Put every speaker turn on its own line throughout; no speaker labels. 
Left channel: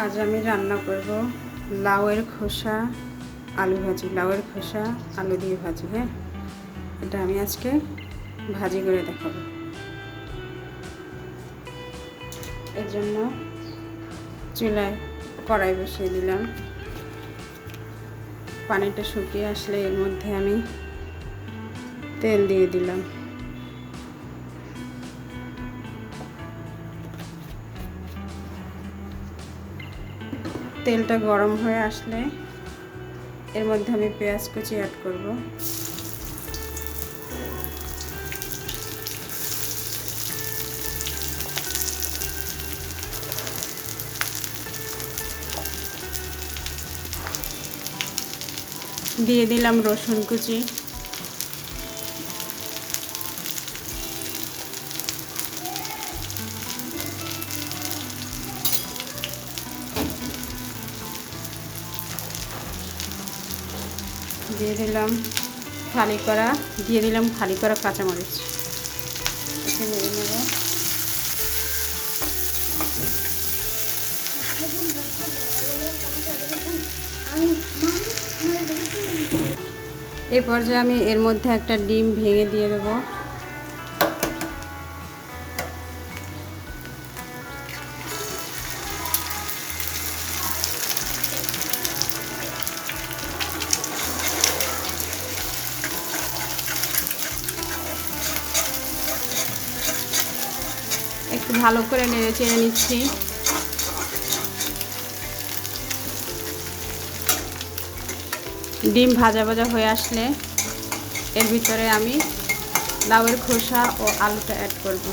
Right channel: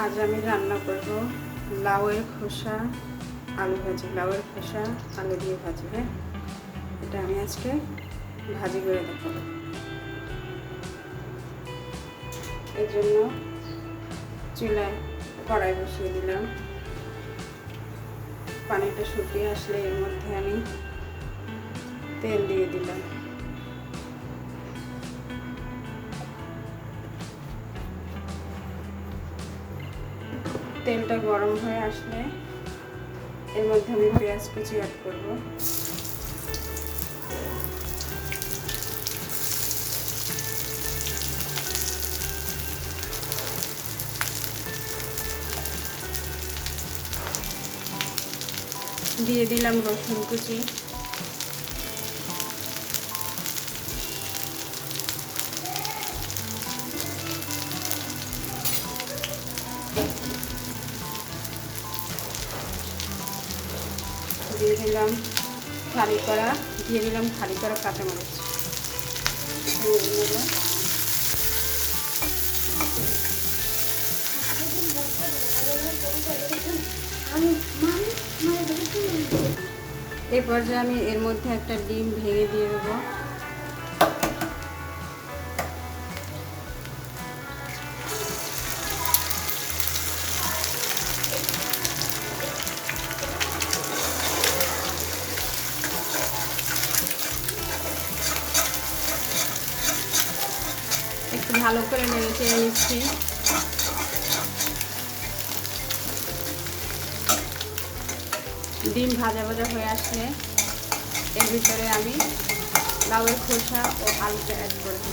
আজ আমি রান্না করব লাউয়ের খোসা, আলু ভাজি। লাউয়ের খোসা, আলু দিয়ে ভাজি হ্যাঁ? এটা আমি আজকে ভাজি করে দেখাবো। এর জন্য চুলায় কড়াই বসিয়ে দিলাম। পানিটা শুকিয়ে আসলে এর মধ্যে আমি তেল দিয়ে দিলাম। তেলটা গরম হয়ে আসলে এর মধ্যে আমি পেঁয়াজ কুচি অ্যাড করব। দিয়ে দিলাম রসুন কুচি। দিয়ে দিলাম খালি করা, দিয়ে দিলাম খালি করা কাঁচামরিচ। এরপর যে আমি এর মধ্যে একটা ডিম ভেঙে দিয়ে দেবো। একটু ভালো করে নেড়ে চেড়ে নিচ্ছি। ডিম ভাজা ভাজা হয়ে আসলে এর ভিতরে আমি লাউয়ের খোসা ও আলুটা অ্যাড করব।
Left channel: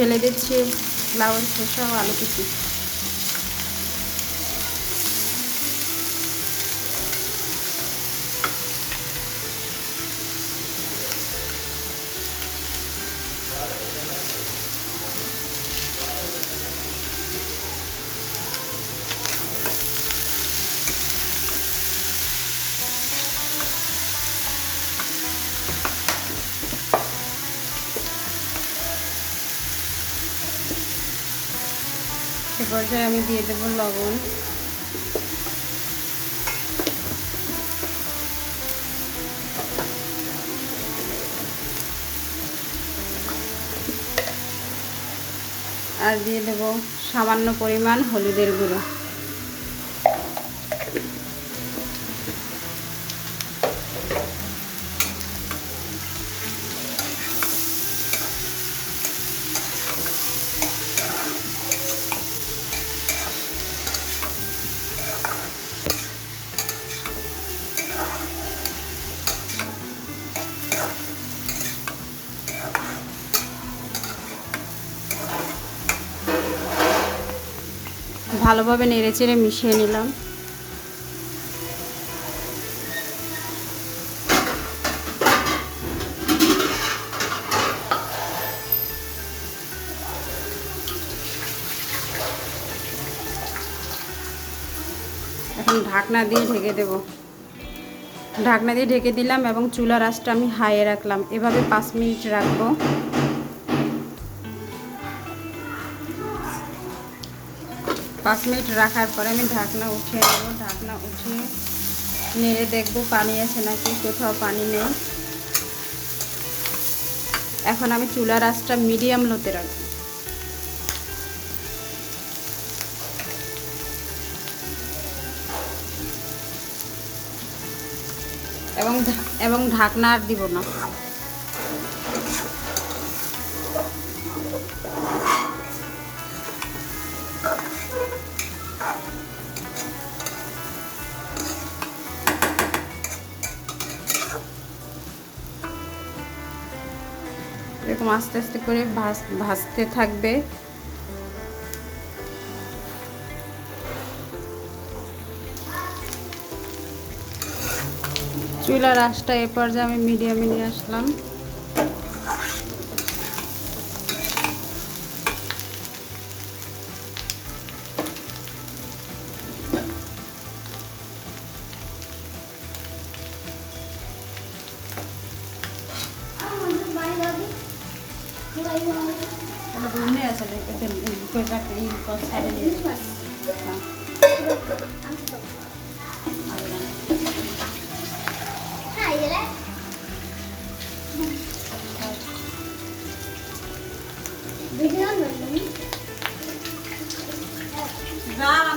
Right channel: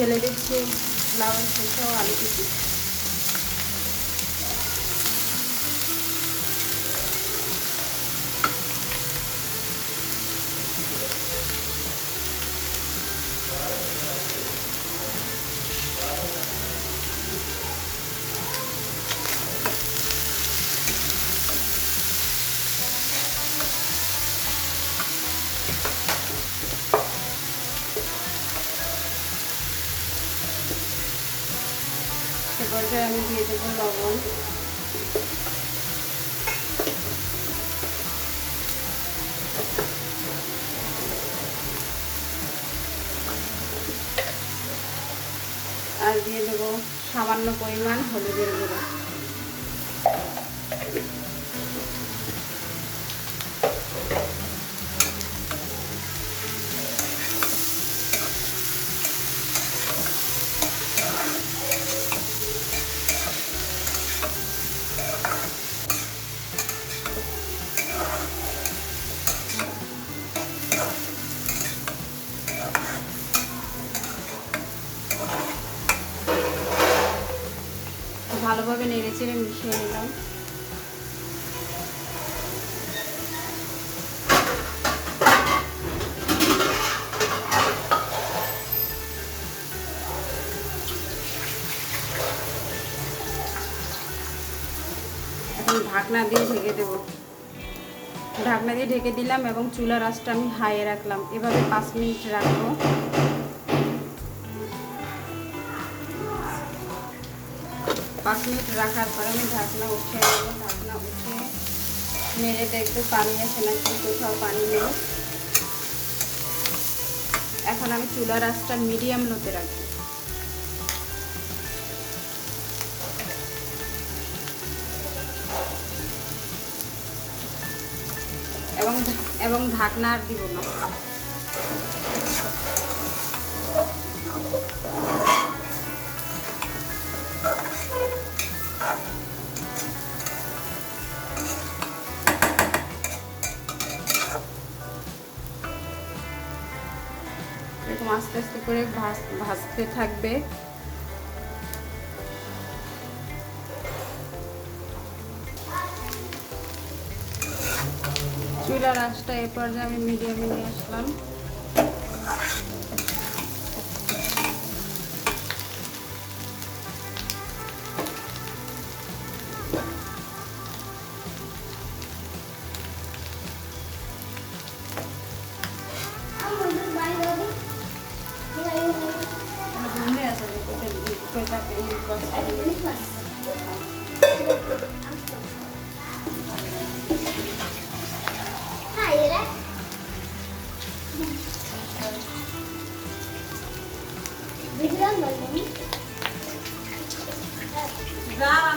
ঢেলে দিচ্ছি লাউয়ের খোসা ও আলু কুচি পর্যায়ে আমি দিয়ে দেবো লবণ। আর দিয়ে দেবো সামান্য পরিমাণ হলুদের গুঁড়ো। ভালোভাবে নেড়ে চেড়ে মিশিয়ে নিলাম। এখন ঢাকনা দিয়ে ঢেকে দেবো। ঢাকনা দিয়ে ঢেকে দিলাম এবং চুলার আঁচটা আমি হাইয়ে রাখলাম। এভাবে পাঁচ মিনিট রাখব। পাঁচ মিনিট রাখার পরে আমি ঢাকনা উঠে নেব। ঢাকনা উঠে নেড়ে দেখব পানি আছে নাকি, কোথাও পানি নেই। এখন আমি চুলার আঁচটা মিডিয়াম লোতে রাখব। এবং এবং ঢাকনা আর দিব না। এরকম আস্তে আস্তে করে ভাজ- ভাজতে থাকবে। চুলার আঁচটা এ পর্যায়ে আমি মিডিয়ামে নিয়ে আসলাম। রান্না করে রান্না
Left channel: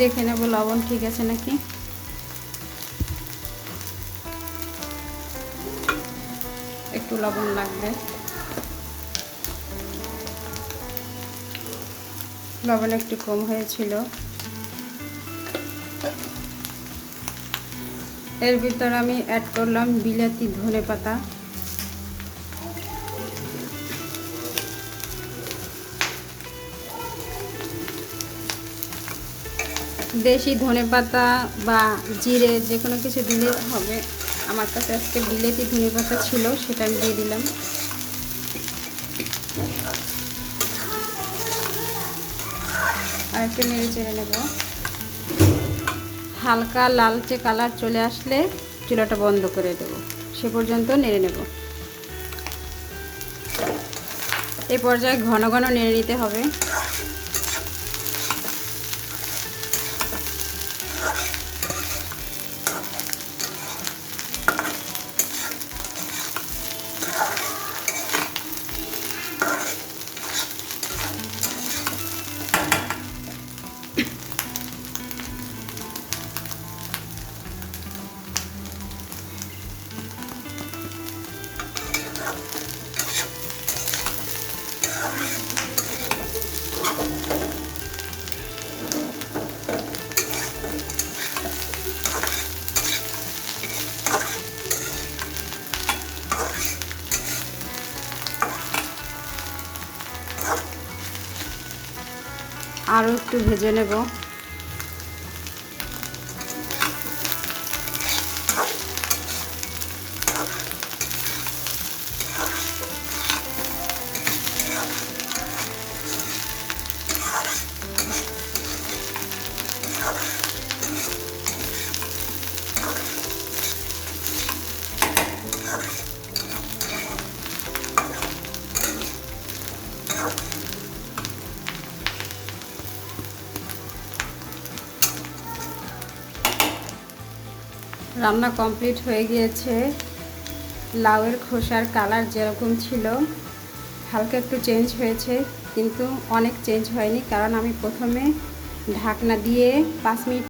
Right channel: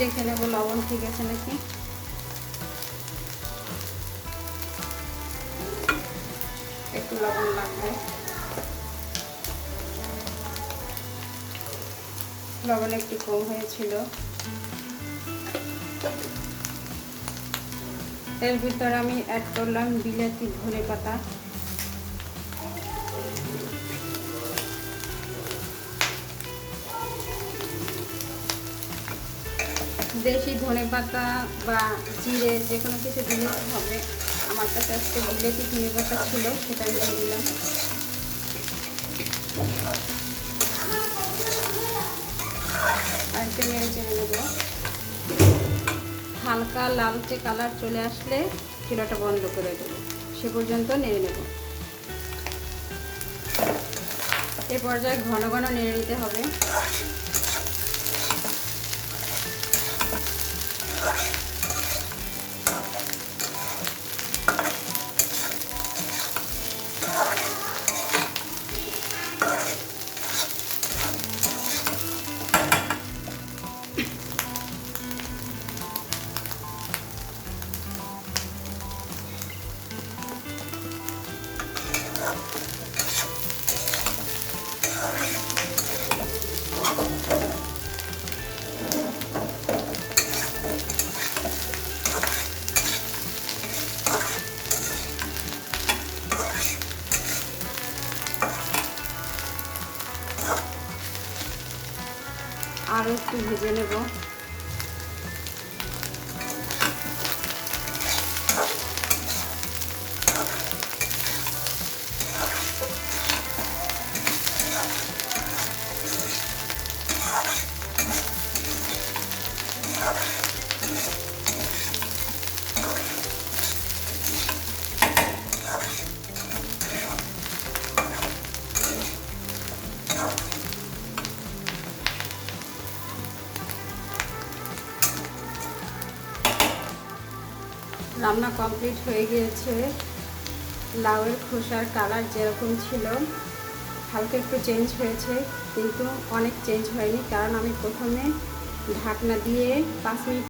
দেখে নেব, লবণ ঠিক আছে নাকি? একটু লবণ লাগবে। লবণ একটু কম হয়েছিল। এর ভিতর আমি অ্যাড করলাম বিলাতি ধনে পাতা দেশি ধনে পাতা বা জিরে, যে কোনো কিছু দিলে হবে। আমার কাছে আজকে বিলেতি ধনে পাতা ছিল, সেটা আমি দিয়ে দিলাম। হালকা লালচে কালার চলে আসলে চুলাটা বন্ধ করে দেবো। সে পর্যন্ত নেড়ে নেব। এ পর্যায়ে ঘন ঘন নেড়ে নিতে হবে। Thank you. আরও একটু ভেজে নেব। রান্না কমপ্লিট হয়ে গিয়েছে। লাউয়ের খোসার কালার যেরকম ছিল, হালকা একটু চেঞ্জ হয়েছে, কিন্তু অনেক চেঞ্জ হয়নি, কারণ আমি প্রথমে ঢাকনা দিয়ে পাঁচ মিনিট